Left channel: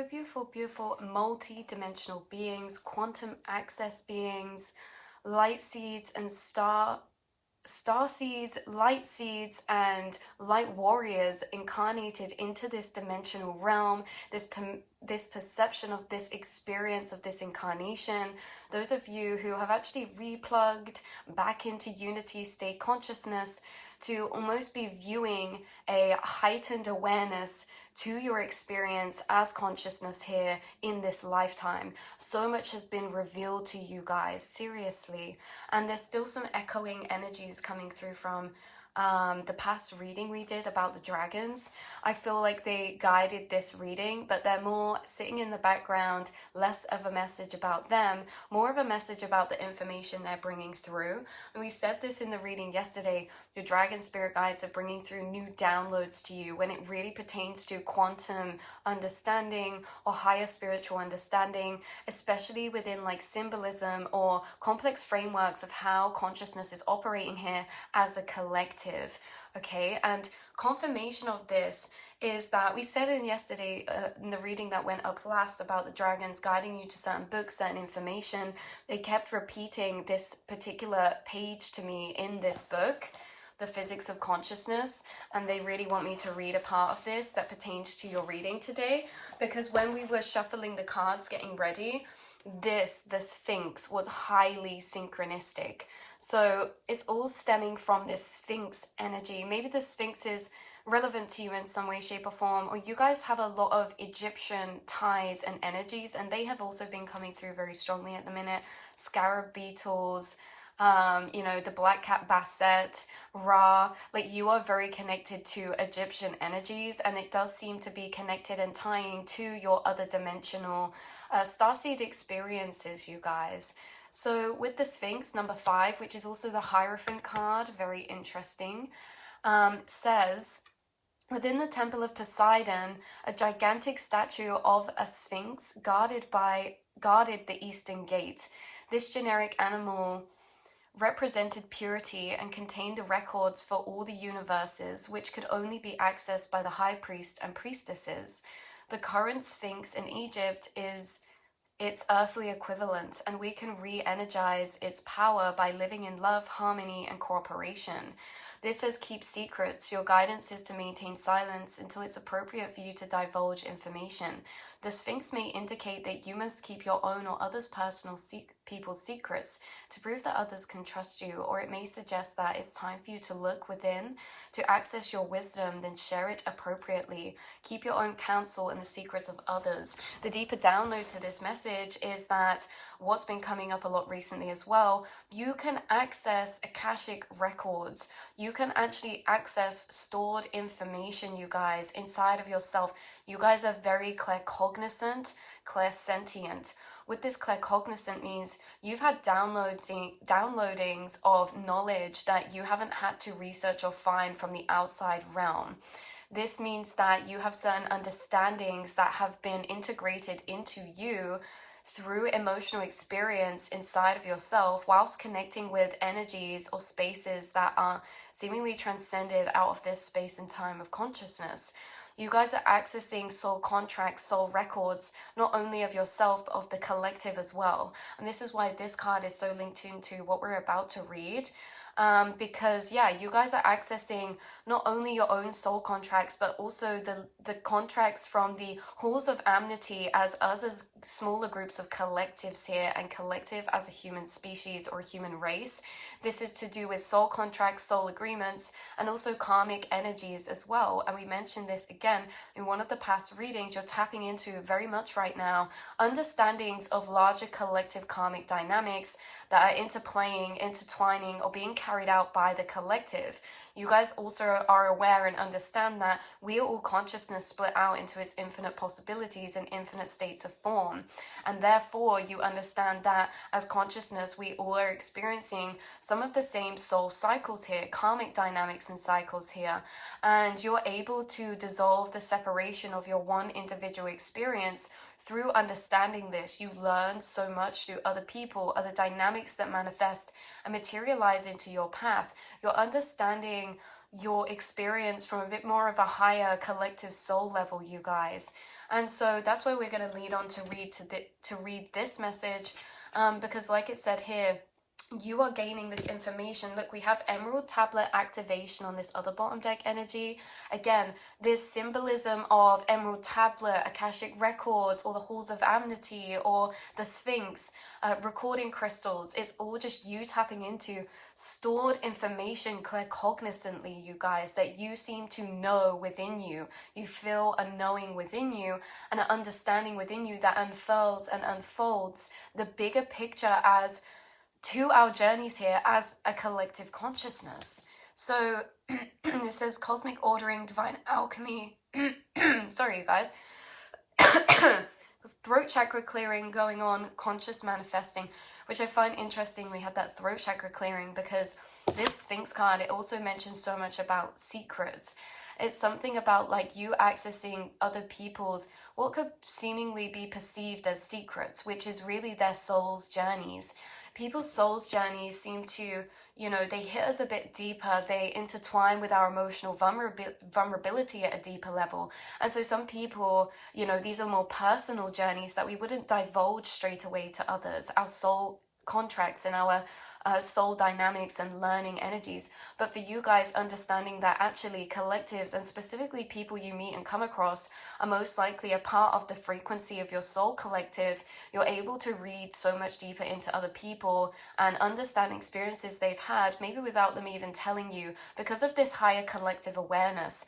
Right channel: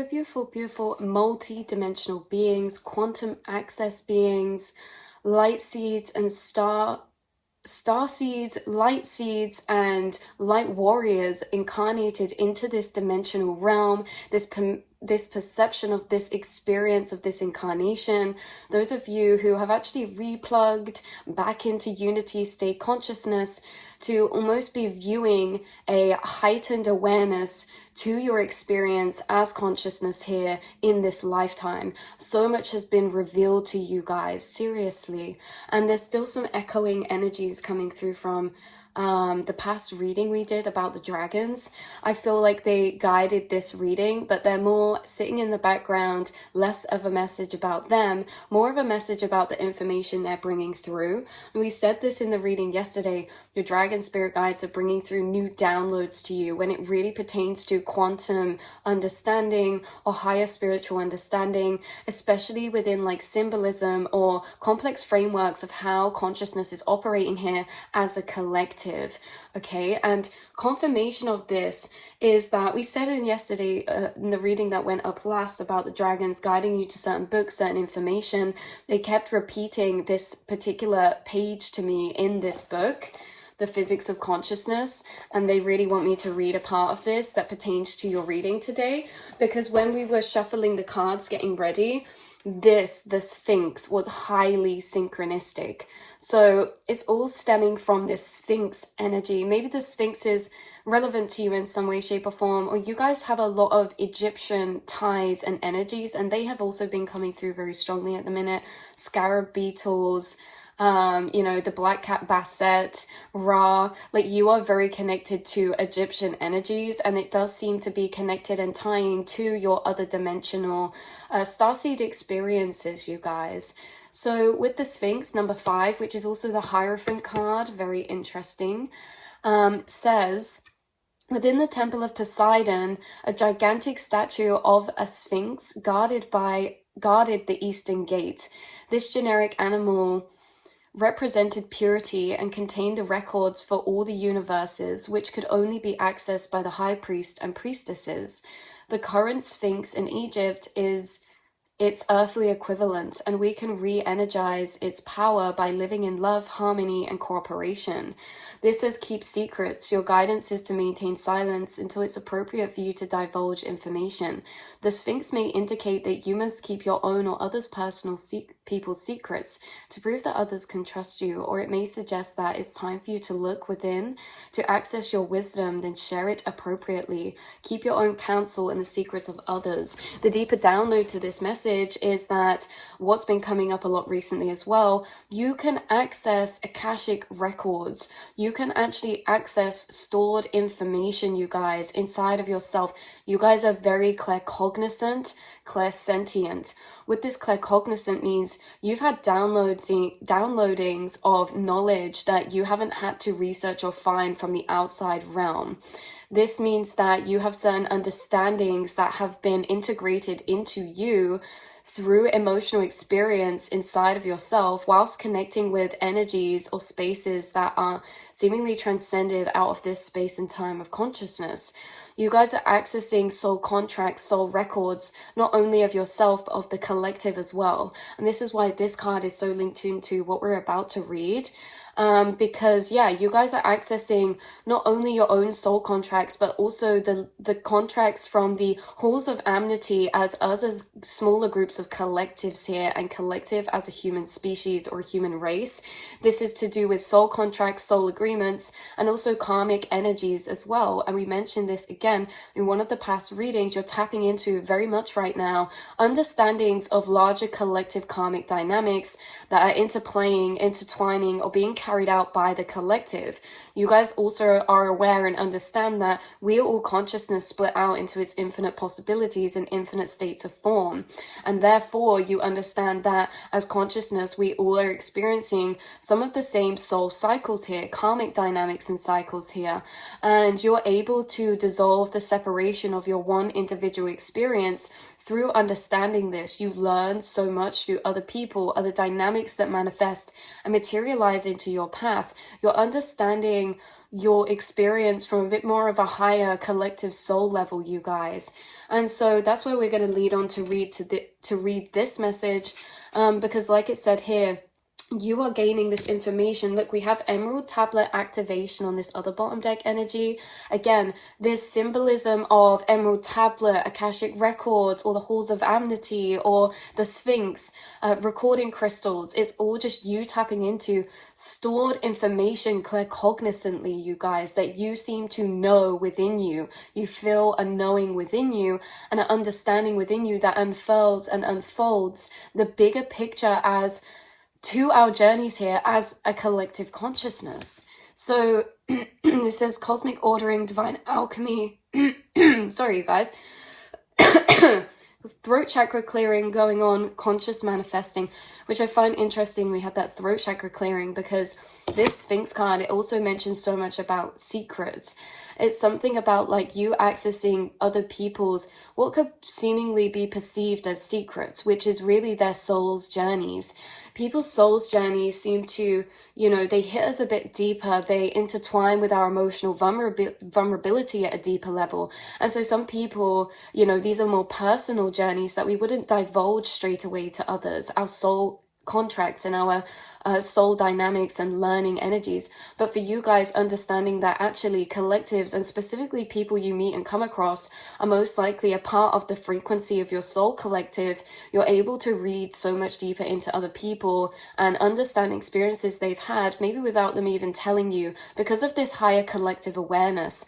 Hello, beautiful, beautiful, multi-dimensional beings, quantum access beings, light seeds and star seeds, light seeds, and light warriors incarnated into this dimensional realm, this perception of this experience of this incarnation. Those of you who have actually replugged back into unity state consciousness to almost be viewing a heightened awareness to your experience as consciousness here in this lifetime. So much has been revealed to you guys, seriously. And there's still some echoing energies coming through from the past reading we did about the dragons. I feel like they guided this reading, but they're more sitting in the background, less of a message about them, more of a message about the information they're bringing through. And we said this in the reading yesterday, your dragon spirit guides are bringing through new downloads to you when it really pertains to quantum understanding or higher spiritual understanding, especially within like symbolism or complex frameworks of how consciousness is operating here as a collective. Okay, and confirmation of this is that we said in yesterday in the reading that went up last about the dragons guiding you to certain books, certain information. They kept repeating this particular page to me in this book, The Physics of Consciousness, and they really want me to read a part of this that pertains to your reading today, because when we were shuffling the cards getting ready, the Sphinx was highly synchronistic. So it's all stemming from this Sphinx energy. Maybe the Sphinx is relevant to you in some way, shape, or form, or you guys have a lot of Egyptian ties and energies, and they have also been coming through very strongly at the minute. Scarab beetles, you know, the black cat basset, Ra, like you are very connected to Egyptian energies, and it does seem to be connected and tying to your other dimensional starseed experiences, you guys. So with the Sphinx, number 5, which is also the Hierophant card, very interesting, says, within the Temple of Poseidon, a gigantic statue of a Sphinx guarded the Eastern Gate. This generic animal represented purity and contained the records for all the universes, which could only be accessed by the high priest and priestesses. The current Sphinx in Egypt is its earthly equivalent, and we can re-energize its power by living in love, harmony, and cooperation. This says keep secrets. Your guidance is to maintain silence until it's appropriate for you to divulge information. The Sphinx may indicate that you must keep your own or others' personal people's secrets to prove that others can trust you, or it may suggest that it's time for you to look within to access your wisdom, then share it appropriately. Keep your own counsel and the secrets of others. The deeper download to this message is that what's been coming up a lot recently as well, you can access Akashic records. You can actually access stored information, you guys, inside of yourself. You guys are very claircognizant, clairsentient. With this claircognizant means you've had downloadings of knowledge that you haven't had to research or find from the outside realm. This means that you have certain understandings that have been integrated into you through emotional experience inside of yourself, whilst connecting with energies or spaces that are seemingly transcended out of this space and time of consciousness. You guys are accessing soul contracts, soul records, not only of yourself, but of the collective as well. And this is why this card is so linked into what we're about to read. Because yeah, you guys are accessing not only your own soul contracts, but also the contracts from the halls of amity as us as smaller groups of collectives here, and collective as a human species or human race. This is to do with soul contracts, soul agreements, and also karmic energies as well. And we mentioned this again in one of the past readings. You're tapping into very much right now understandings of larger collective karmic dynamics that are intertwining, or being carried out by the collective. You guys also are aware and understand that we are all consciousness split out into its infinite possibilities and infinite states of form. And therefore, you understand that as consciousness, we all are experiencing some of the same soul cycles here, karmic dynamics and cycles here. And you're able to dissolve the separation of your one individual experience through understanding this. You learn so much through other people, other dynamics that manifest and materialize into your path. You're understanding your experience from a bit more of a higher collective soul level, you guys. And so that's where we're going to lead on to read this message, because like it said here, you are gaining this information. Look, we have Emerald Tablet activation on this other bottom deck energy. Again, this symbolism of Emerald Tablet, Akashic Records, or the Halls of Amity, or the Sphinx, recording crystals. It's all just you tapping into stored information claircognizantly, you guys, that you seem to know within you. You feel a knowing within you and an understanding within you that unfurls and unfolds the bigger picture as to our journeys here as a collective consciousness. So it says cosmic ordering, divine alchemy. Sorry, you guys. Throat chakra clearing going on, conscious manifesting, which I find interesting. We had that throat chakra clearing because this Sphinx card, it also mentions so much about secrets. It's something about like you accessing other people's, what could seemingly be perceived as secrets, which is really their soul's journeys. People's soul's journeys seem to, you know, they hit us a bit deeper. They intertwine with our emotional vulnerability at a deeper level. And so some people, you know, these are more personal journeys that we wouldn't divulge straight away to others. Our soul contracts and our soul dynamics and learning energies. But for you guys, understanding that actually collectives and specifically people you meet and come across are most likely a part of the frequency of your soul collective, you're able to read so much deeper into other people and understand experiences they've had, maybe without them even telling you, because of this higher collective awareness,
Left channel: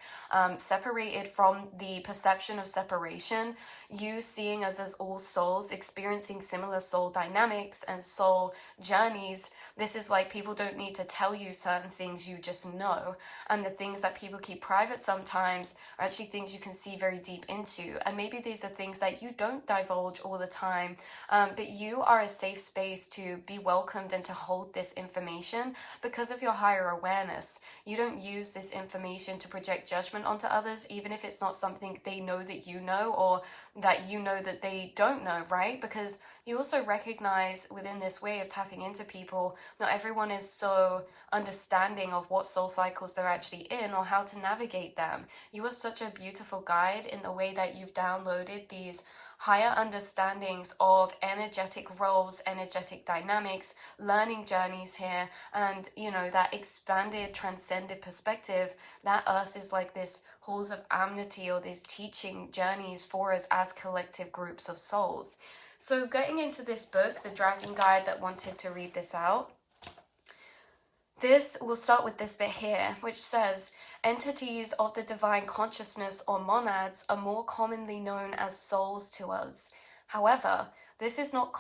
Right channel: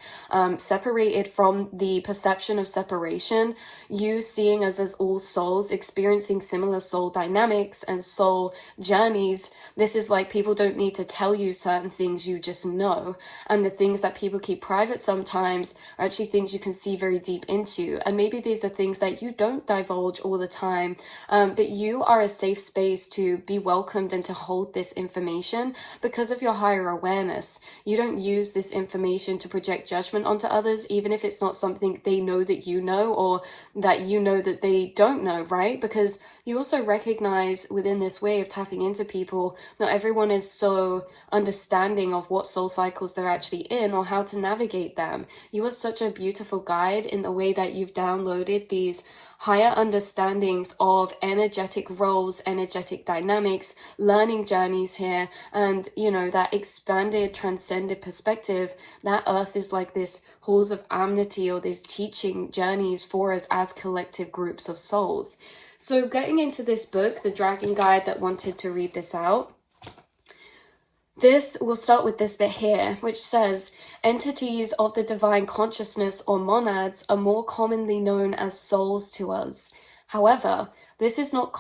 separated from the perception of separation, you seeing us as all souls experiencing similar soul dynamics and soul journeys. This is like people don't need to tell you certain things, you just know. And the things that people keep private sometimes are actually things you can see very deep into. And maybe these are things that you don't divulge all the time, but you are a safe space to be welcomed and to hold this information because of your higher awareness. You don't use this information to project judgment onto others, even if it's not something they know that you know or that you know that they don't know, right? Because you also recognize within this way of tapping into people, not everyone is so understanding of what soul cycles they're actually in or how to navigate them. You are such a beautiful guide in the way that you've downloaded these higher understandings of energetic roles, energetic dynamics, learning journeys here, and, you know, that expanded, transcended perspective that Earth is like this halls of amity or these teaching journeys for us as collective groups of souls. So getting into this book, the Dragon Guide that wanted to read this out, we'll start with this bit here, which says, entities of the divine consciousness or monads are more commonly known as souls to us. However, this is not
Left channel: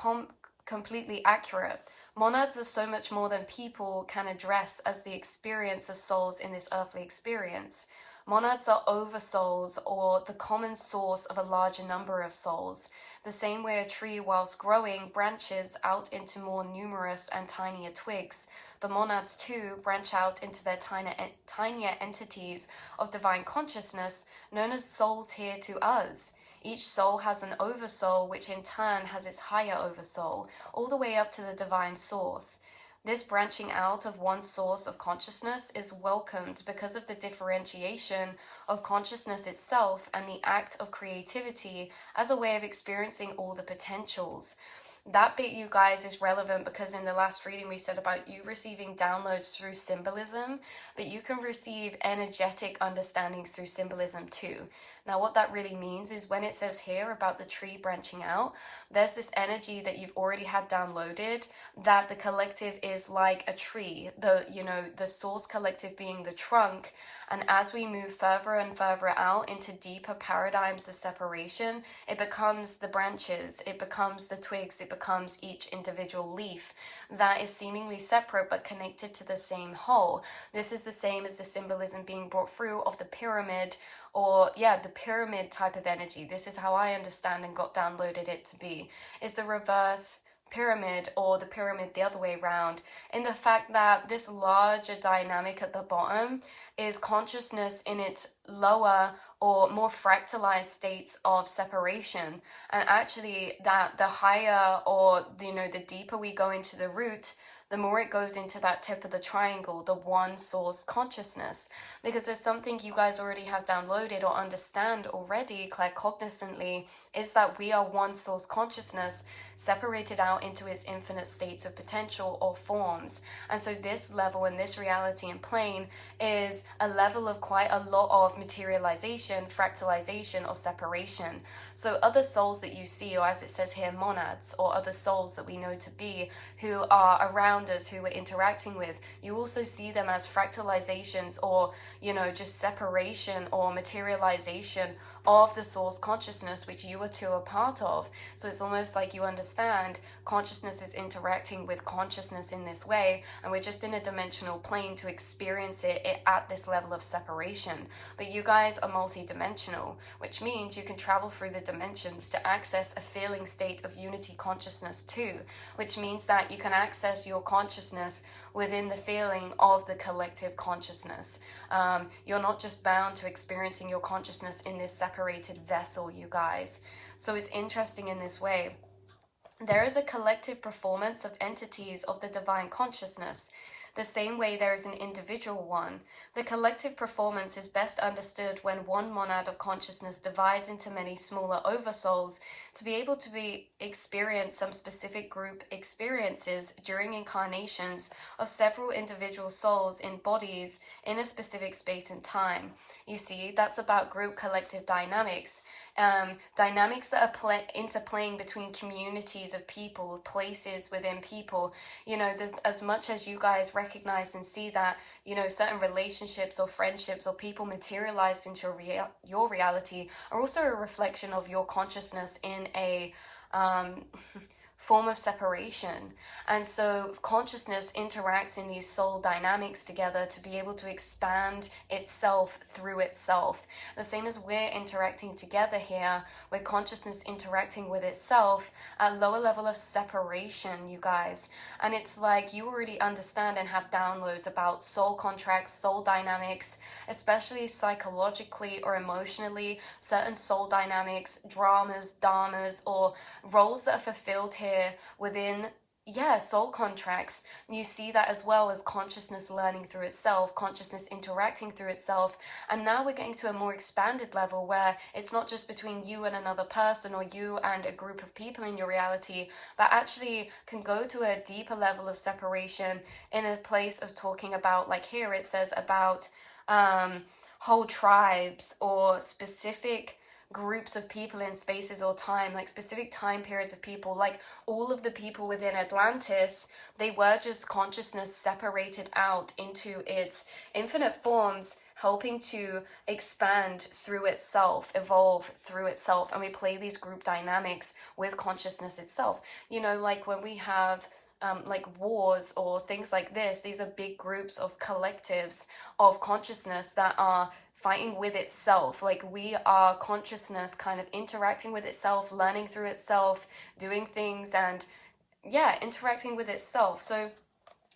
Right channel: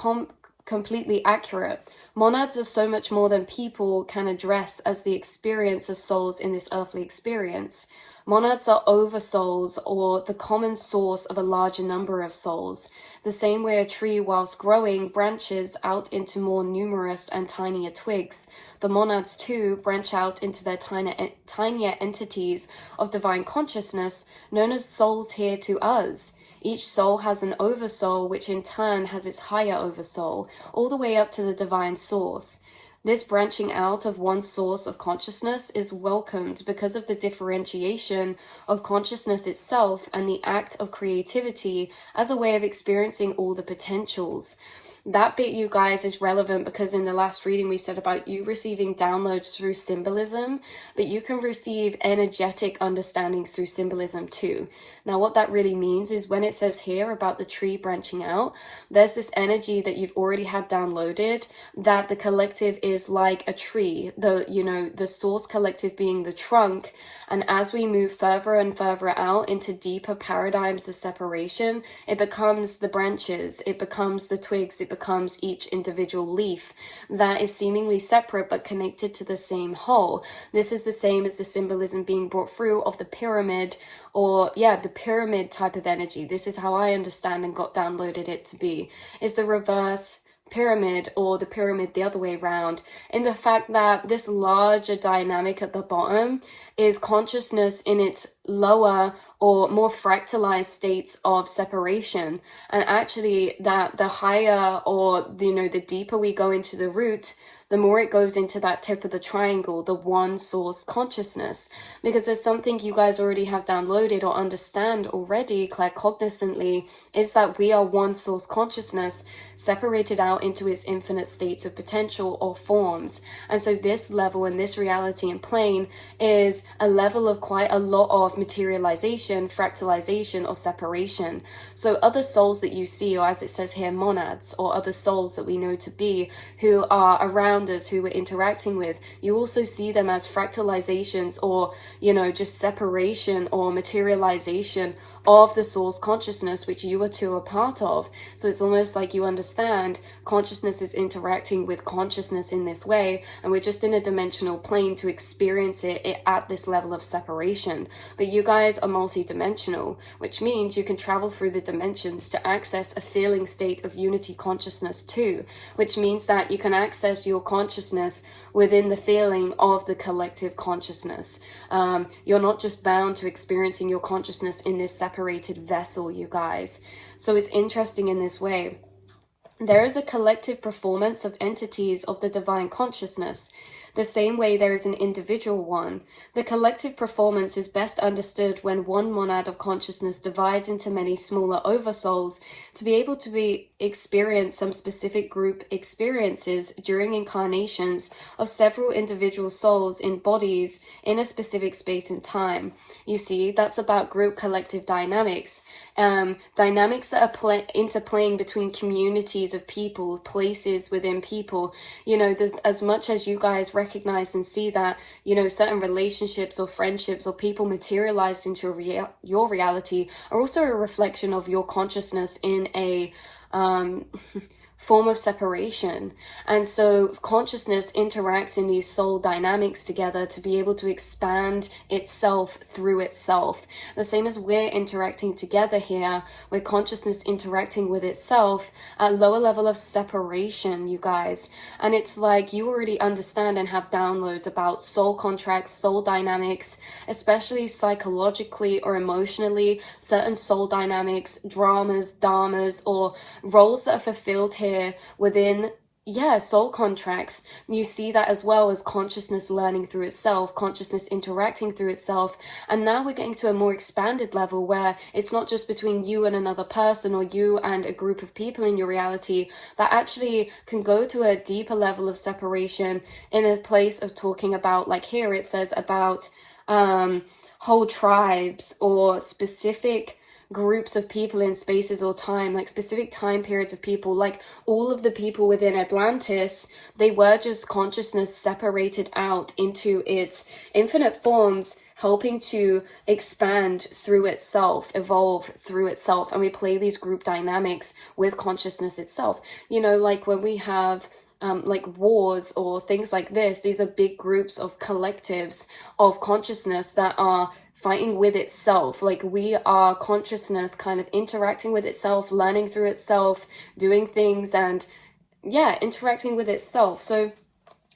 completely accurate. Monads are so much more than people can address as the experience of souls in this earthly experience. Monads are oversouls, or the common source of a larger number of souls. The same way a tree, whilst growing, branches out into more numerous and tinier twigs, the monads too branch out into their tinier entities of divine consciousness, known as souls here to us. Each soul has an oversoul, which in turn has its higher oversoul, all the way up to the divine source. This branching out of one source of consciousness is welcomed because of the differentiation of consciousness itself and the act of creativity as a way of experiencing all the potentials. That bit, you guys, is relevant because in the last reading we said about you receiving downloads through symbolism, but you can receive energetic understandings through symbolism too. Now, what that really means is when it says here about the tree branching out, there's this energy that you've already had downloaded, that the collective is like a tree, the source collective being the trunk. And as we move further and further out into deeper paradigms of separation, it becomes the branches, it becomes the twigs, it becomes each individual leaf that is seemingly separate but connected to the same whole. This is the same as the symbolism being brought through of the pyramid, or the pyramid type of energy. This is how I understand and got downloaded it to be, is the reverse pyramid, or the pyramid the other way around, in the fact that this larger dynamic at the bottom is consciousness in its lower or more fractalized states of separation. And actually that the higher, or the deeper we go into the root, the more it goes into that tip of the triangle, the one source consciousness. Because there's something you guys already have downloaded or understand already claircognizantly, is that we are one source consciousness separated out into its infinite states of potential or forms. And so this level and this reality and plane is a level of quite a lot of materialization, fractalization, or separation. So other souls that you see, or as it says here, monads, or other souls that we know to be, who are around us, who we're interacting with, you also see them as fractalizations, or just separation or materialization of the source consciousness, which you are too a part of. So it's almost like you understand consciousness is interacting with consciousness in this way, and we're just in a dimensional plane to experience it at this level of separation. But you guys are multi-dimensional, which means you can travel through the dimensions to access a feeling state of unity consciousness too, which means that you can access your consciousness within the feeling of the collective consciousness. You're not just bound to experiencing your consciousness in this separated vessel, you guys. So it's interesting in this way. There is a collective performance of entities of the divine consciousness. The same way there is an individual one. The collective performance is best understood when one monad of consciousness divides into many smaller oversouls to be able to experience some specific group experiences during incarnations of several individual souls in bodies in a specific space and time. You see, that's about group collective dynamics. Dynamics that are interplaying between communities of people, places within people. As much as you guys recognize and see that, certain relationships or friendships or people materialized into your reality are also a reflection of your consciousness in a form of separation. And so consciousness interacts in these soul dynamics together to be able to expand itself through itself. The same as we're interacting together here, with consciousness interacting with itself at lower level of separation, you guys. And it's like you already understand and have downloads about soul contracts, soul dynamics, especially psychologically or emotionally, certain soul dynamics, dramas, dharmas, or roles that are fulfilled here within soul contracts. You see that as well as consciousness learning through itself, consciousness interacting through itself. And now we're getting to a more expanded level where it's not just between you and another person, or you and a group of people in your reality, but actually can go to a deeper level of separation in a place of talking about, like here it says about whole tribes or specific groups of people in spaces or time, like specific time periods of people. Like all of the people within Atlantis, they were just consciousness separated out into its infinite forms, helping to expand through itself, evolve through itself. And we play these group dynamics with consciousness itself. Like when we have like wars or things like this, these are big groups of collectives of consciousness that are fighting with itself. Like we are consciousness kind of interacting with itself, learning through itself, doing things, and interacting with itself. So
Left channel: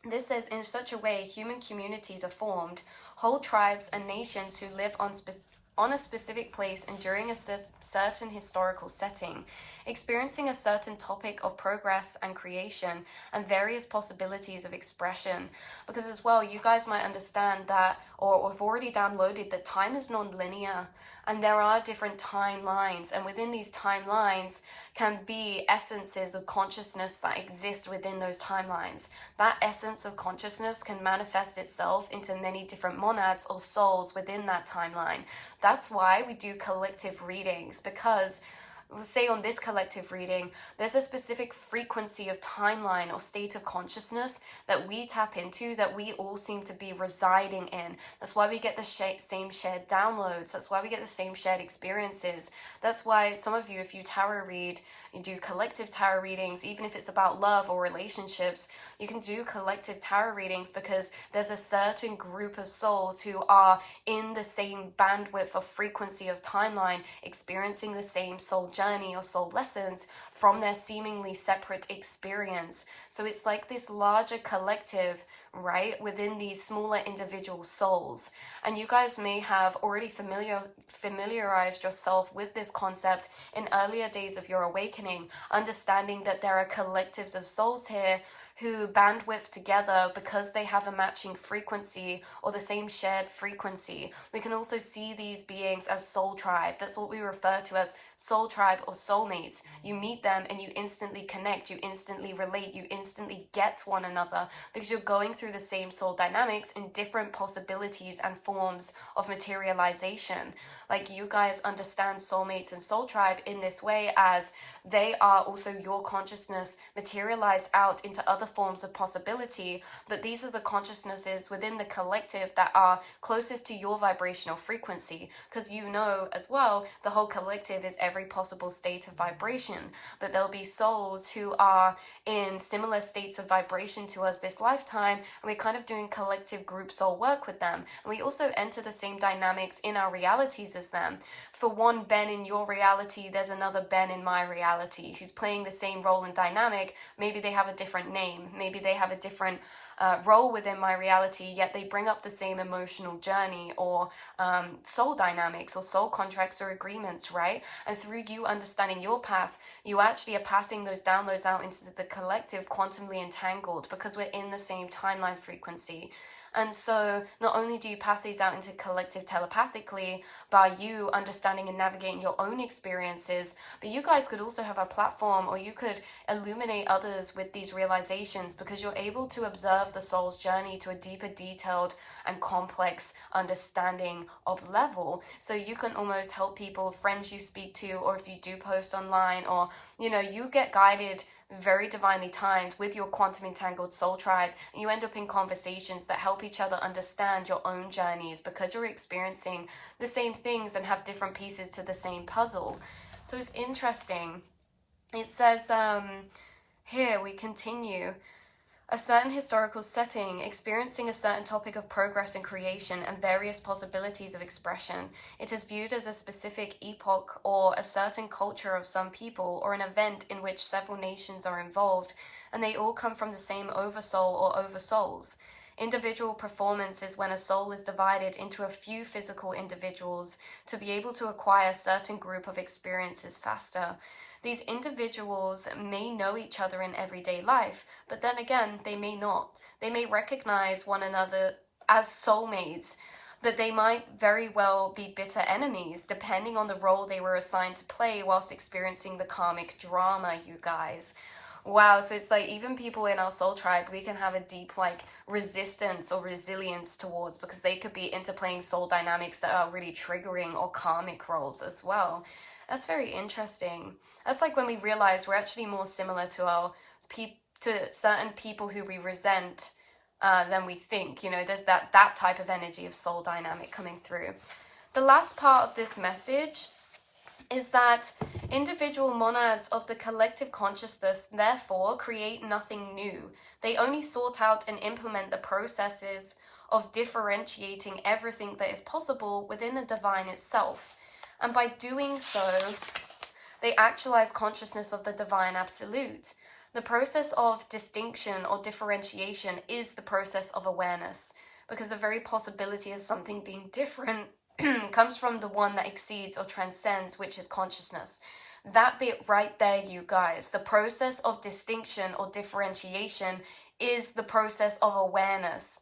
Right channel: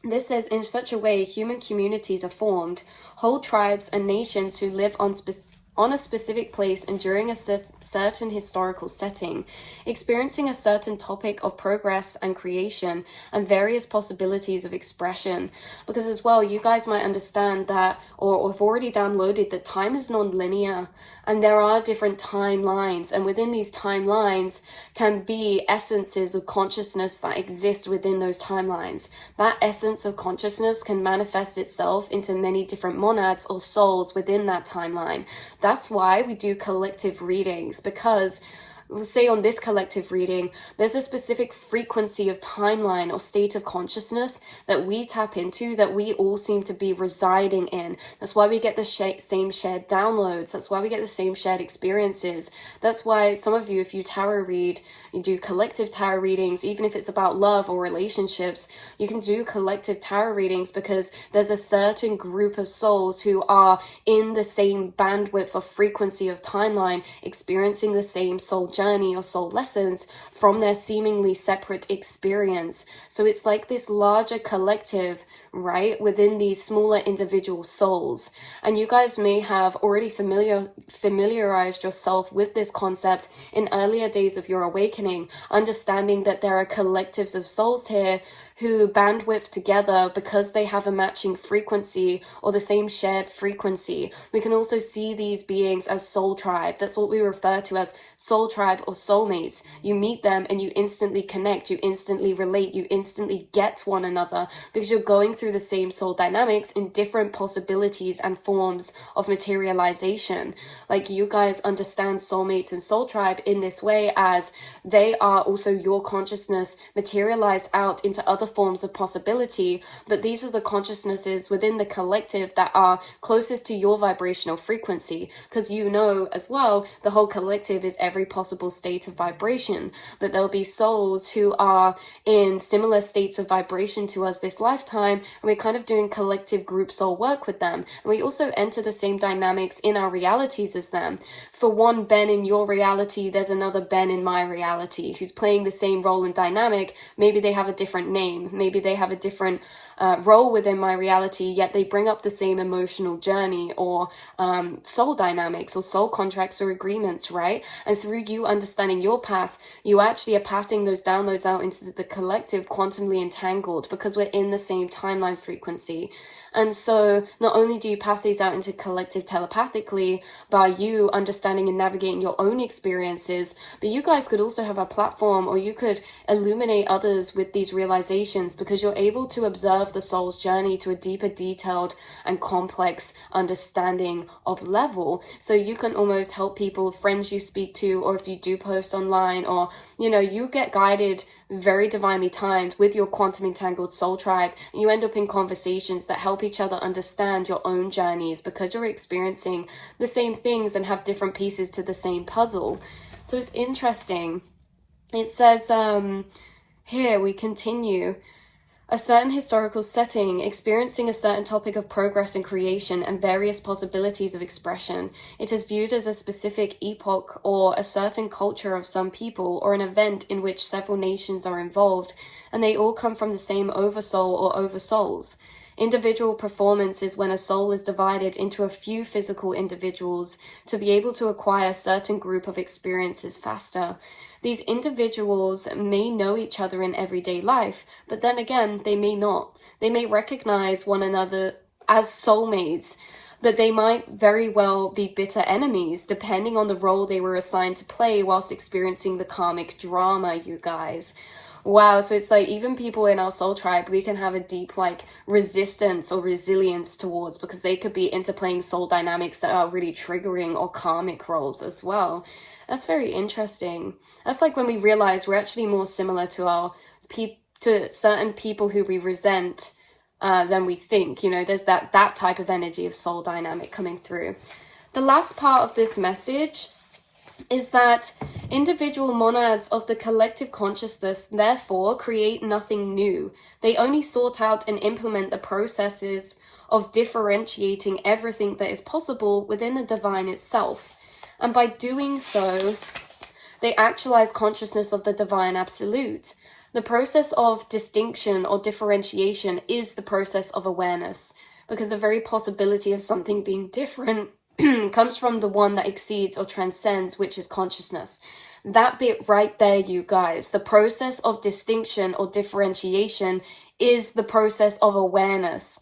this says, in such a way, human communities are formed, whole tribes and nations who live on a specific place and during a certain historical setting, experiencing a certain topic of progress and creation and various possibilities of expression. Because as well, you guys might understand that, or have already downloaded, that time is non-linear and there are different timelines, and within these timelines can be essences of consciousness that exist within those timelines. That essence of consciousness can manifest itself into many different monads or souls within that timeline. That's why we do collective readings, because say on this collective reading, there's a specific frequency of timeline or state of consciousness that we tap into, that we all seem to be residing in. That's why we get the same shared downloads. That's why we get the same shared experiences. That's why some of you, if you tarot read, you do collective tarot readings, even if it's about love or relationships, you can do collective tarot readings because there's a certain group of souls who are in the same bandwidth of frequency of timeline, experiencing the same soul journey or soul lessons from their seemingly separate experience. So it's like this larger collective right, within these smaller individual souls. And you guys may have already familiarized yourself with this concept in earlier days of your awakening, understanding that there are collectives of souls here who bandwidth together because they have a matching frequency or the same shared frequency. We can also see these beings as soul tribe. That's what we refer to as soul tribe or soulmates. You meet them and you instantly connect, you instantly relate, you instantly get one another because you're going through the same soul dynamics in different possibilities and forms of materialization. Like, you guys understand soulmates and soul tribe in this way, as they are also your consciousness materialized out into other forms of possibility, but these are the consciousnesses within the collective that are closest to your vibrational frequency, because you know as well the whole collective is every possible state of vibration, but there'll be souls who are in similar states of vibration to us this lifetime, and we're kind of doing collective group soul work with them, and we also enter the same dynamics in our realities as them. For one Ben in your reality, there's another Ben in my reality who's playing the same role and dynamic. Maybe they have a different name, maybe they have a different role within my reality, yet they bring up the same emotional journey or soul dynamics or soul contracts or agreements, right? And through you understanding your path, you actually are passing those downloads out into the collective, quantumly entangled, because we're in the same timeline frequency. And so not only do you pass these out into collective telepathically by you understanding and navigating your own experiences, but you guys could also have a platform, or you could illuminate others with these realizations, because you're able to observe the soul's journey to a deeper, detailed and complex understanding of level. So you can almost help people, friends you speak to, or if you do post online, or you get guided very divinely timed with your quantum entangled soul tribe. You end up in conversations that help each other understand your own journeys, because you're experiencing the same things and have different pieces to the same puzzle. So it's interesting. It says here, we continue. A certain historical setting, experiencing a certain topic of progress and creation and various possibilities of expression. It is viewed as a specific epoch or a certain culture of some people, or an event in which several nations are involved, and they all come from the same oversoul or oversouls. Individual performance is when a soul is divided into a few physical individuals to be able to acquire a certain group of experiences faster. These individuals may know each other in everyday life, but then again, they may not. They may recognize one another as soulmates, but they might very well be bitter enemies, depending on the role they were assigned to play whilst experiencing the karmic drama, you guys. Wow, so it's like even people in our soul tribe, we can have a deep resistance or resilience towards, because they could be interplaying soul dynamics that are really triggering, or karmic roles as well. That's very interesting. That's like when we realize we're actually more similar to to certain people who we resent than we think. There's that type of energy of soul dynamic coming through. The last part of this message is that individual monads of the collective consciousness therefore create nothing new. They only sort out and implement the processes of differentiating everything that is possible within the divine itself. And by doing so, they actualize consciousness of the divine absolute. The process of distinction or differentiation is the process of awareness, because the very possibility of something being different comes from the one that exceeds or transcends, which is consciousness. That bit right there, you guys, the process of distinction or differentiation is the process of awareness.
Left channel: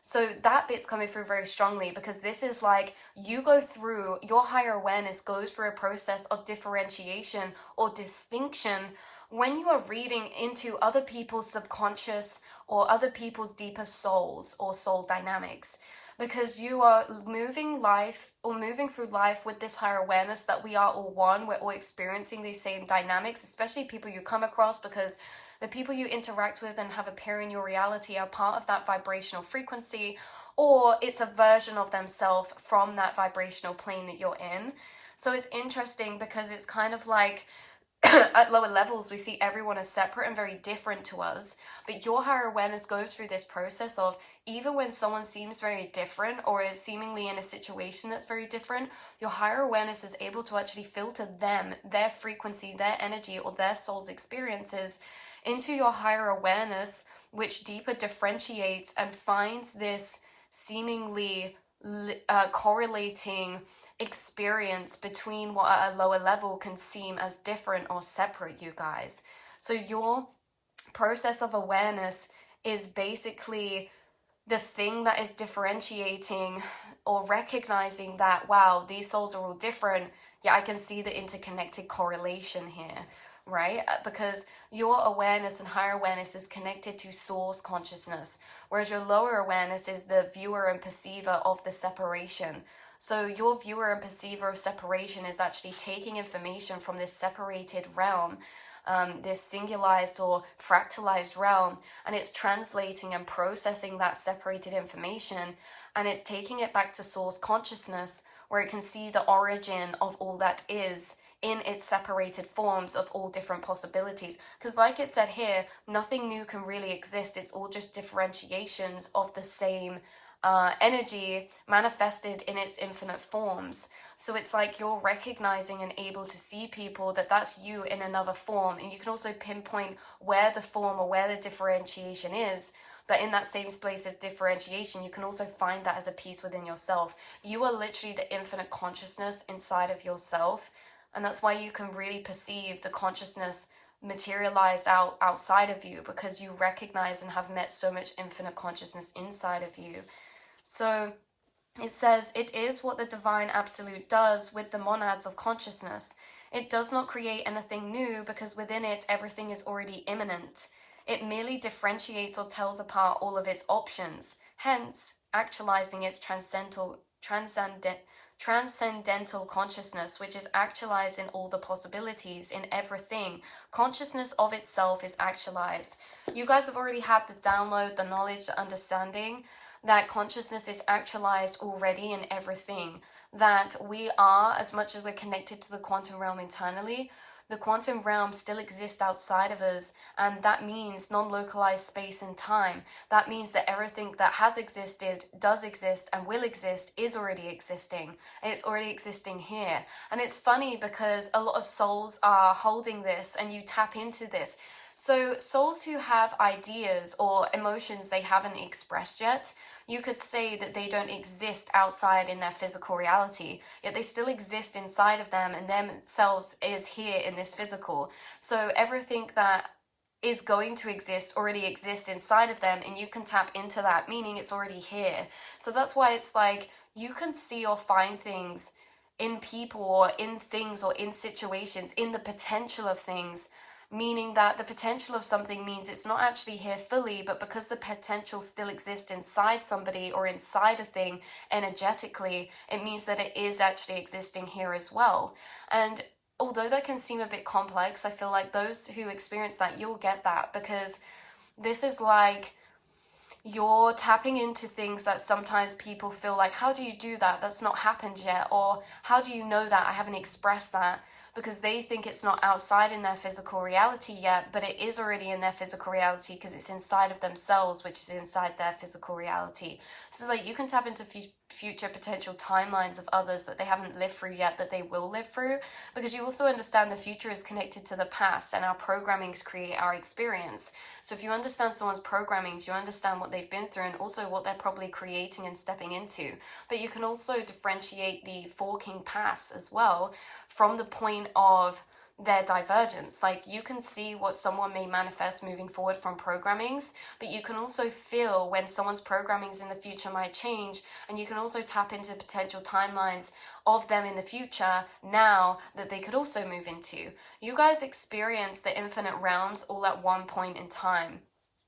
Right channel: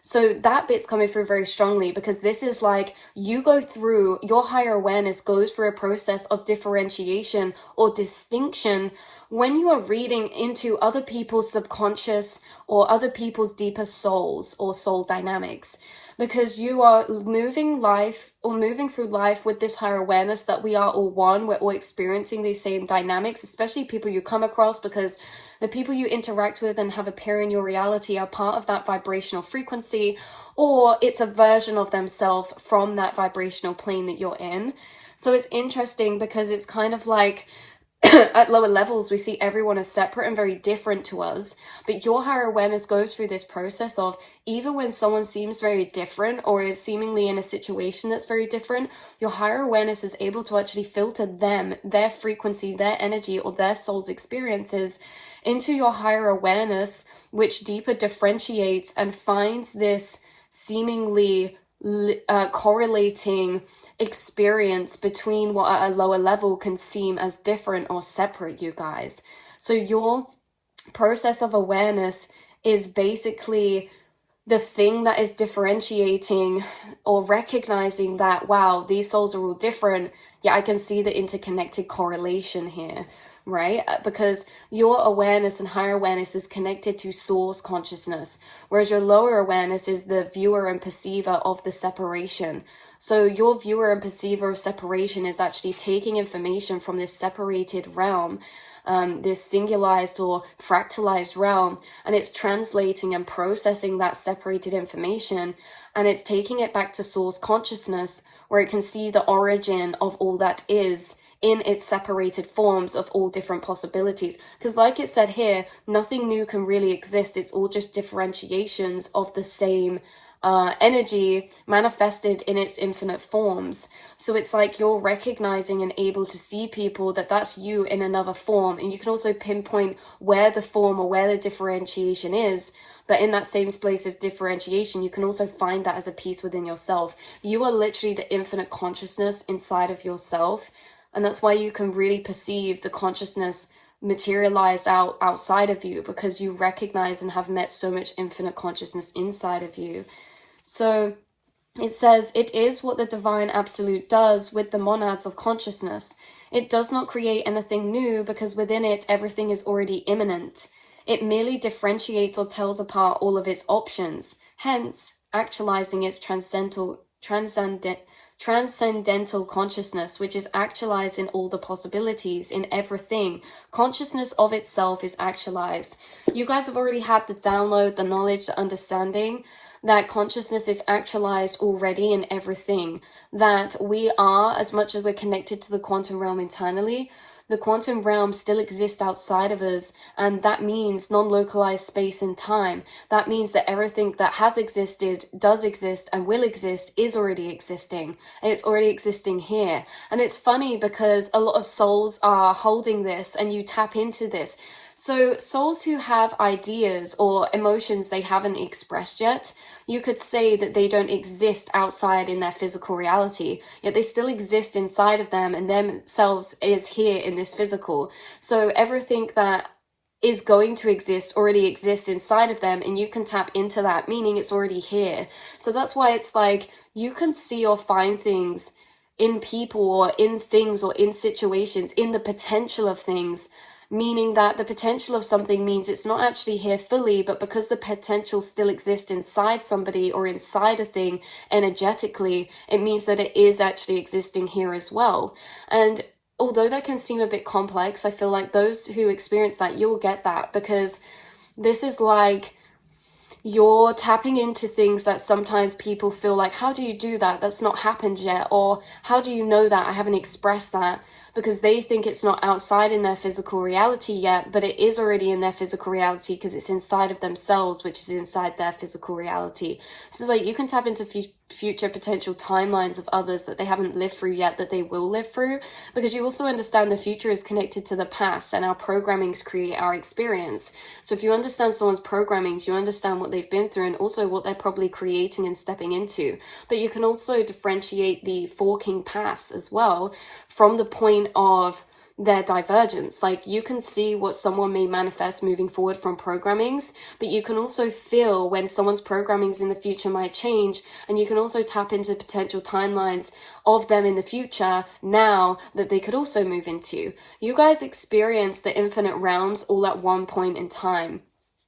So that bit's coming through very strongly, because this is like you go through, your higher awareness goes through a process of differentiation or distinction when you are reading into other people's subconscious or other people's deeper souls or soul dynamics, because you are moving through life with this higher awareness that we are all one. We're all experiencing these same dynamics, especially people you come across, because the people you interact with and have appear in your reality are part of that vibrational frequency, or it's a version of themselves from that vibrational plane that you're in. So it's interesting, because it's kind of like at lower levels, we see everyone as separate and very different to us. But your higher awareness goes through this process of, even when someone seems very different or is seemingly in a situation that's very different, your higher awareness is able to actually filter them, their frequency, their energy, or their soul's experiences into your higher awareness, which deeper differentiates and finds this seemingly correlating experience between what at a lower level can seem as different or separate, you guys. So your process of awareness is basically the thing that is differentiating or recognizing that, wow, these souls are all different. Yeah, I can see the interconnected correlation here, right? Because your awareness and higher awareness is connected to source consciousness, whereas your lower awareness is the viewer and perceiver of the separation. So your viewer and perceiver of separation is actually taking information from this separated realm, this singularized or fractalized realm, and it's translating and processing that separated information, and it's taking it back to source consciousness, where it can see the origin of all that is in its separated forms of all different possibilities. Because like it said here, nothing new can really exist. It's all just differentiations of the same energy manifested in its infinite forms. So it's like you're recognizing and able to see people that that's you in another form, and you can also pinpoint where the form or where the differentiation is. But in that same space of differentiation, you can also find that as a piece within yourself. You are literally the infinite consciousness inside of yourself, and that's why you can really perceive the consciousness materialized outside of you, because you recognize and have met so much infinite consciousness inside of you. So it says, it is what the divine absolute does with the monads of consciousness. It does not create anything new, because within it everything is already immanent. It merely differentiates or tells apart all of its options, hence actualizing its transcendental consciousness, which is actualized in all the possibilities, in everything. Consciousness of itself is actualized. You guys have already had the download, the knowledge, the understanding that consciousness is actualized already in everything, that we are, as much as we're connected to the quantum realm internally, the quantum realm still exists outside of us, and that means non-localized space and time. That means that everything that has existed, does exist, and will exist is already existing. And it's already existing here. And it's funny because a lot of souls are holding this, and you tap into this. So souls who have ideas or emotions they haven't expressed yet, you could say that they don't exist outside in their physical reality, yet they still exist inside of them, and themselves is here in this physical. So everything that is going to exist already exists inside of them, and you can tap into that, meaning it's already here. So that's why it's like you can see or find things in people or in things or in situations, in the potential of things, meaning that the potential of something means it's not actually here fully, but because the potential still exists inside somebody or inside a thing energetically, it means that it is actually existing here as well. And although that can seem a bit complex, I feel like those who experience that, you'll get that, because this is like you're tapping into things that sometimes people feel like, how do you do that? That's not happened yet. Or how do you know that? I haven't expressed that. Because they think it's not outside in their physical reality yet, but it is already in their physical reality, because it's inside of themselves, which is inside their physical reality. So it's like you can tap into future potential timelines of others that they haven't lived through yet, that they will live through, because you also understand the future is connected to the past, and our programmings create our experience. So if you understand someone's programmings, you understand what they've been through and also what they're probably creating and stepping into. But you can also differentiate the forking paths as well from the point of their divergence. Like you can see what someone may manifest moving forward from programmings, but you can also feel when someone's programmings in the future might change, and you can also tap into potential timelines of them in the future now that they could also move into. You guys experience the infinite realms all at one point in time.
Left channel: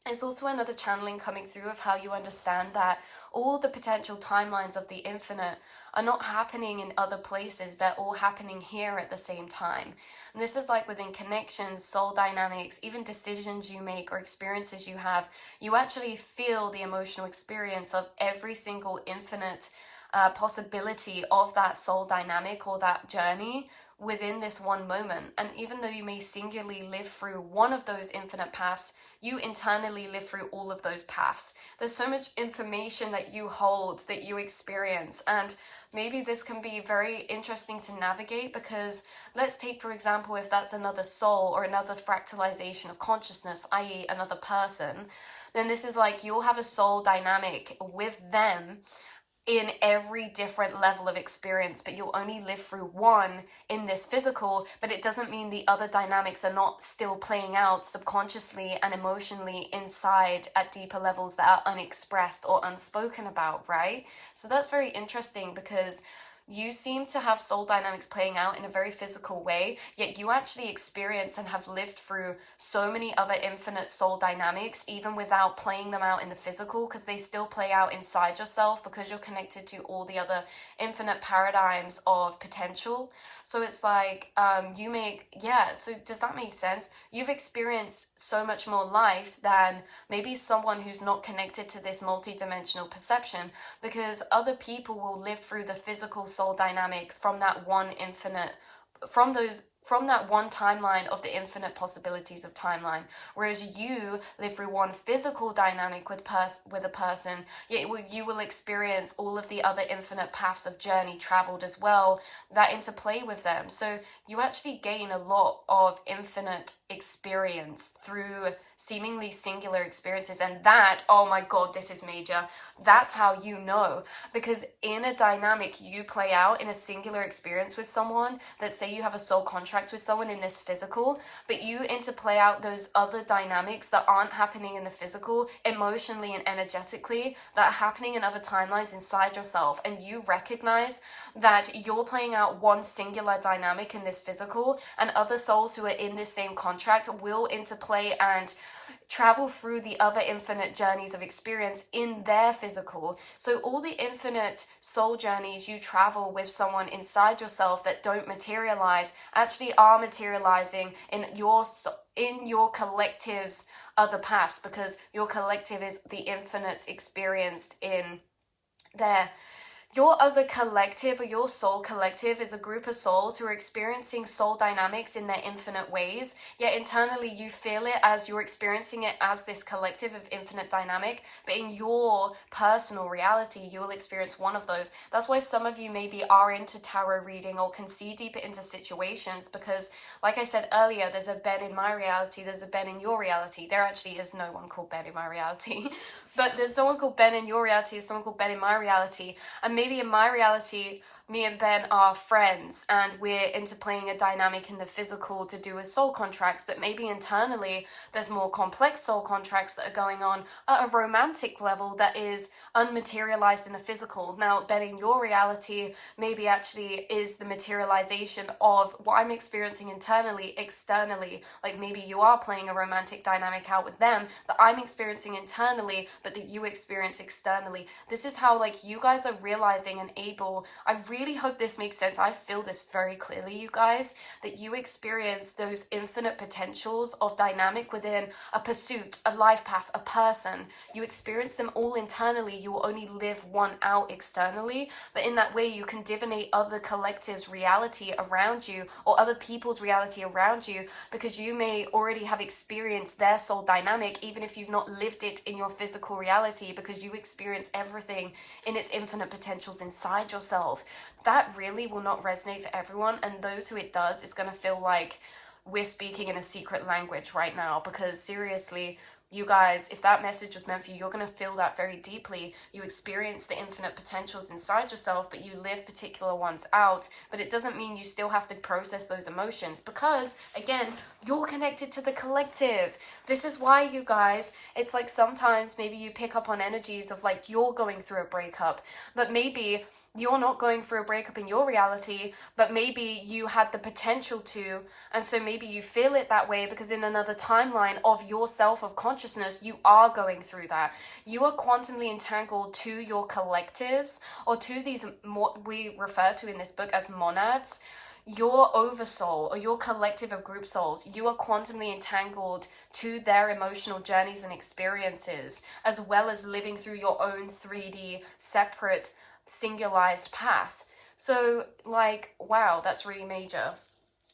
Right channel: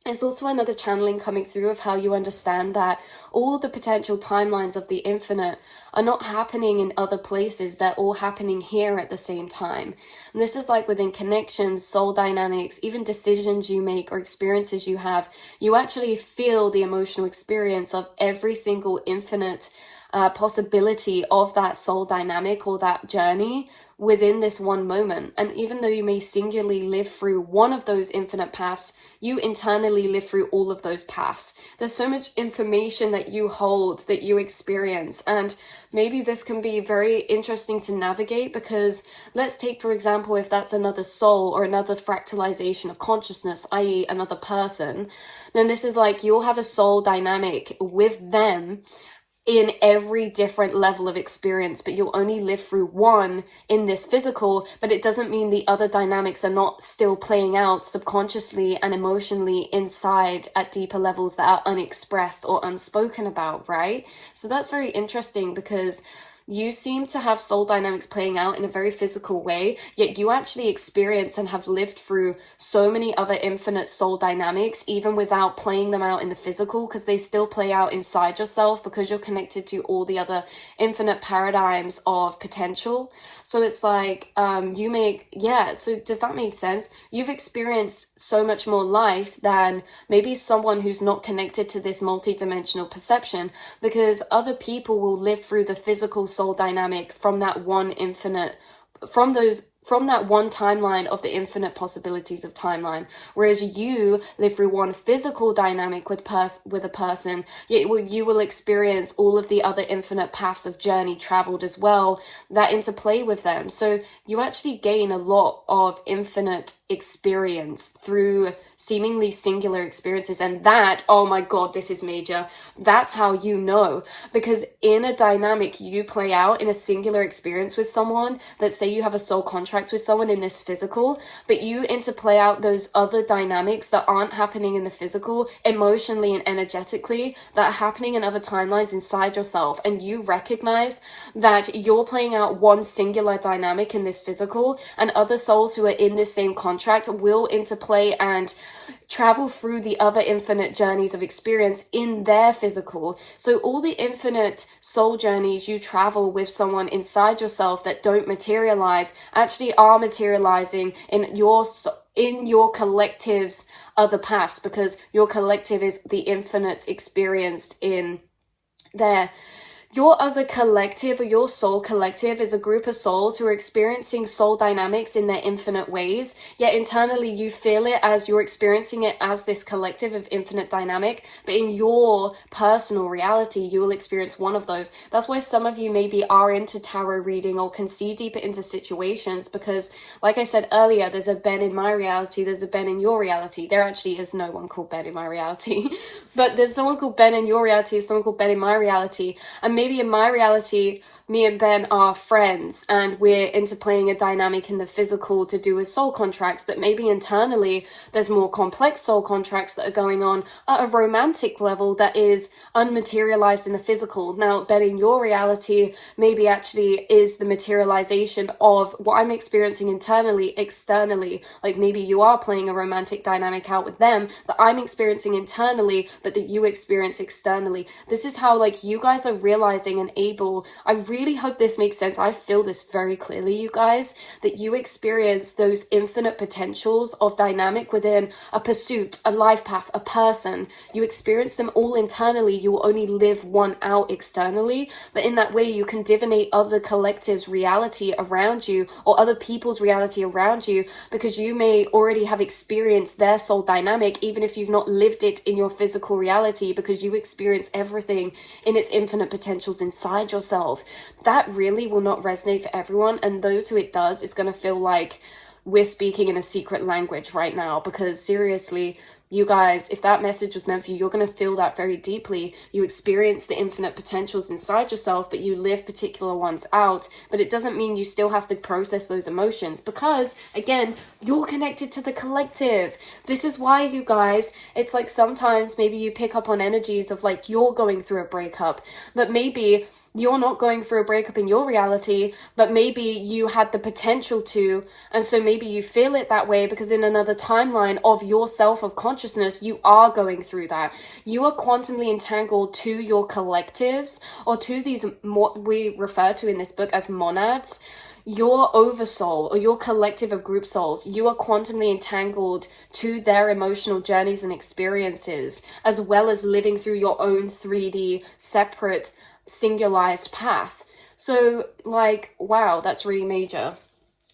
There's also another channeling coming through of how you understand that all the potential timelines of the infinite are not happening in other places, they're all happening here at the same time. And this is like within connections, soul dynamics, even decisions you make or experiences you have, you actually feel the emotional experience of every single infinite possibility of that soul dynamic or that journey within this one moment. And even though you may singularly live through one of those infinite paths, you internally live through all of those paths. There's so much information that you hold, that you experience, and maybe this can be very interesting to navigate, because let's take, for example, if that's another soul or another fractalization of consciousness, i.e. another person, then this is like you'll have a soul dynamic with them in every different level of experience, but you'll only live through one in this physical, but it doesn't mean the other dynamics are not still playing out subconsciously and emotionally inside at deeper levels that are unexpressed or unspoken about, right? So that's very interesting, because you seem to have soul dynamics playing out in a very physical way, yet you actually experience and have lived through so many other infinite soul dynamics, even without playing them out in the physical, because they still play out inside yourself, because you're connected to all the other infinite paradigms of potential. So it's like, so does that make sense? You've experienced so much more life than maybe someone who's not connected to this multidimensional perception, because other people will live through the physical soul dynamic from that one from that one timeline of the infinite possibilities of timeline, whereas you live through one physical dynamic with a person, yet you will experience all of the other infinite paths of journey traveled as well that interplay with them. So you actually gain a lot of infinite experience through seemingly singular experiences. And that, oh my god, this is major, that's how you know, because in a dynamic you play out in a singular experience with someone, let's say you have a soul contract with someone in this physical, but you interplay out those other dynamics that aren't happening in the physical emotionally and energetically, that are happening in other timelines inside yourself, and you recognize that you're playing out one singular dynamic in this physical, and other souls who are in this same contract will interplay and travel through the other infinite journeys of experience in their physical. So all the infinite soul journeys you travel with someone inside yourself that don't materialize actually are materializing in your collective's other paths, because your collective is the infinite experienced in there. Your other collective, or your soul collective, is a group of souls who are experiencing soul dynamics in their infinite ways, yet internally you feel it as you're experiencing it as this collective of infinite dynamic, but in your personal reality you will experience one of those. That's why some of you maybe are into tarot reading or can see deeper into situations, because like I said earlier, there's a Ben in my reality, there's a Ben in your reality. There actually is no one called Ben in my reality but there's someone called Ben in your reality, there's someone called Ben in my reality, and maybe in my reality me and Ben are friends and we're interplaying a dynamic in the physical to do with soul contracts, but maybe internally there's more complex soul contracts that are going on at a romantic level that is unmaterialized in the physical. Now, Ben in your reality maybe actually is the materialization of what I'm experiencing internally, externally. Like maybe you are playing a romantic dynamic out with them that I'm experiencing internally, but that you experience externally. This is how like you guys are realizing and able, I really hope this makes sense. I feel this very clearly, you guys, that you experience those infinite potentials of dynamic within a pursuit, a life path, a person. You experience them all internally. You will only live one out externally, but in that way you can divinate other collectives' reality around you, or other people's reality around you, because you may already have experienced their soul dynamic, even if you've not lived it in your physical reality, because you experience everything in its infinite potentials inside yourself. That really will not resonate for everyone, and those who it does, it's going to feel like we're speaking in a secret language right now, because seriously, you guys, if that message was meant for you, you're going to feel that very deeply. You experience the infinite potentials inside yourself, but you live particular ones out. But it doesn't mean you still have to process those emotions, because again, you're connected to the collective. This is why, you guys, it's like sometimes maybe you pick up on energies of like you're going through a breakup, but maybe you're not going through a breakup in your reality, but maybe you had the potential to, and so maybe you feel it that way because in another timeline of yourself, of consciousness, you are going through that. You are quantumly entangled to your collectives, or to these, what we refer to in this book as monads, your oversoul, or your collective of group souls. You are quantumly entangled to their emotional journeys and experiences, as well as living through your own 3D separate singularized path. So like, wow, that's really major.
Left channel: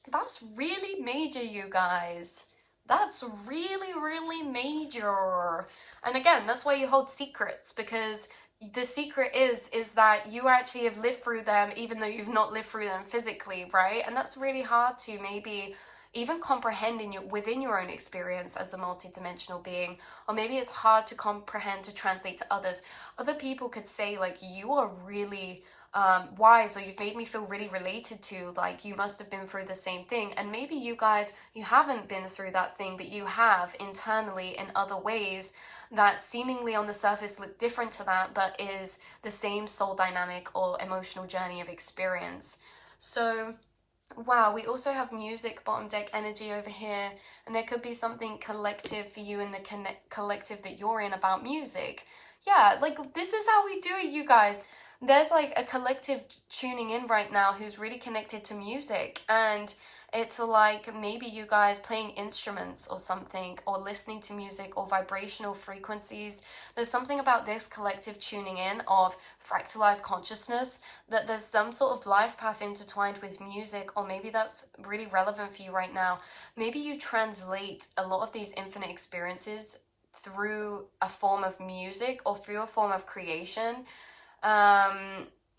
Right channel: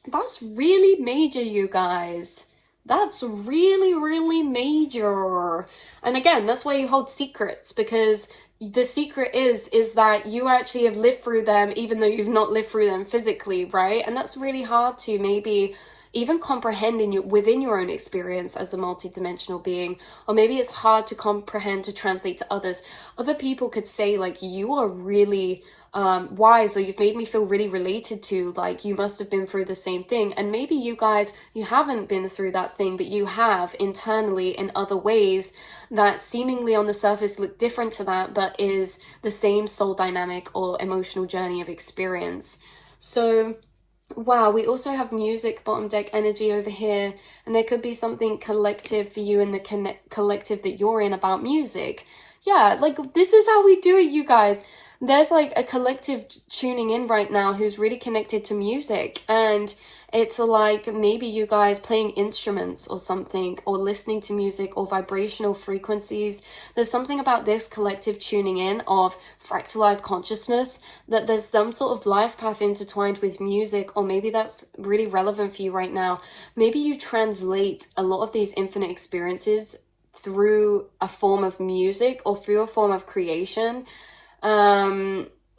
That's really major, you guys. That's really, really major. And again, that's why you hold secrets, because the secret is that you actually have lived through them even though you've not lived through them physically, right? And that's really hard to maybe even comprehend within your own experience as a multidimensional being, or maybe it's hard to comprehend, to translate to others. Other people could say like, you are really wise, or you've made me feel really related to, like you must have been through the same thing. And maybe you guys, you haven't been through that thing, but you have internally in other ways that seemingly on the surface look different to that, but is the same soul dynamic or emotional journey of experience. So wow, we also have music bottom deck energy over here, and there could be something collective for you in the collective that you're in about music. Yeah, like this is how we do it, you guys. There's like a collective tuning in right now who's really connected to music, and it's like maybe you guys playing instruments or something, or listening to music or vibrational frequencies. There's something about this collective tuning in of fractalized consciousness, that there's some sort of life path intertwined with music, or maybe that's really relevant for you right now. Maybe you translate a lot of these infinite experiences through a form of music or through a form of creation.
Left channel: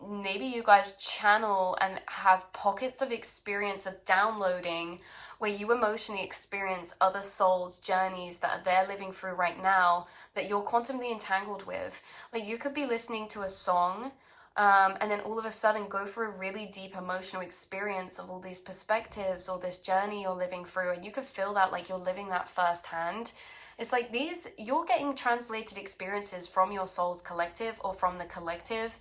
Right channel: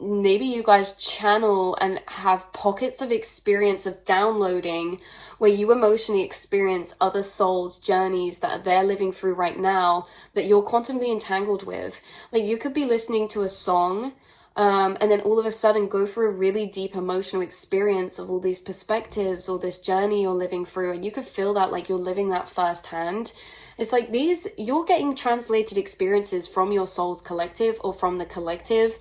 Maybe you guys channel and have pockets of experience of downloading where you emotionally experience other souls' journeys that they're living through right now that you're quantumly entangled with. Like you could be listening to a song, and then all of a sudden go through a really deep emotional experience of all these perspectives or this journey you're living through, and you could feel that like you're living that firsthand. It's like these, you're getting translated experiences from your soul's collective or from the collective,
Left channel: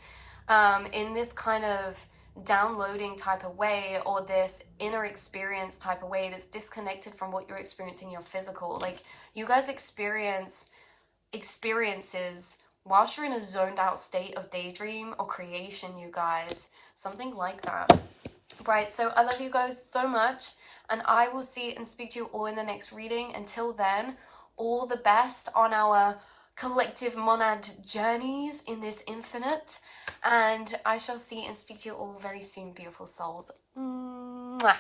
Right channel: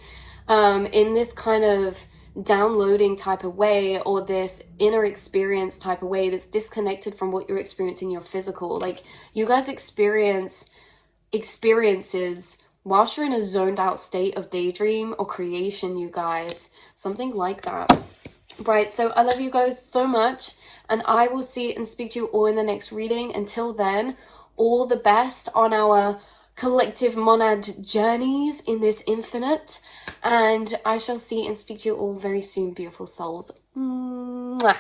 in this kind of downloading type of way, or this inner experience type of way that's disconnected from what you're experiencing your physical. Like you guys experience experiences whilst you're in a zoned out state of daydream or creation, you guys. Something like that. Right, so I love you guys so much, and I will see and speak to you all in the next reading. Until then, all the best on our collective monad journeys in this infinite, and I shall see and speak to you all very soon, beautiful souls. Mwah.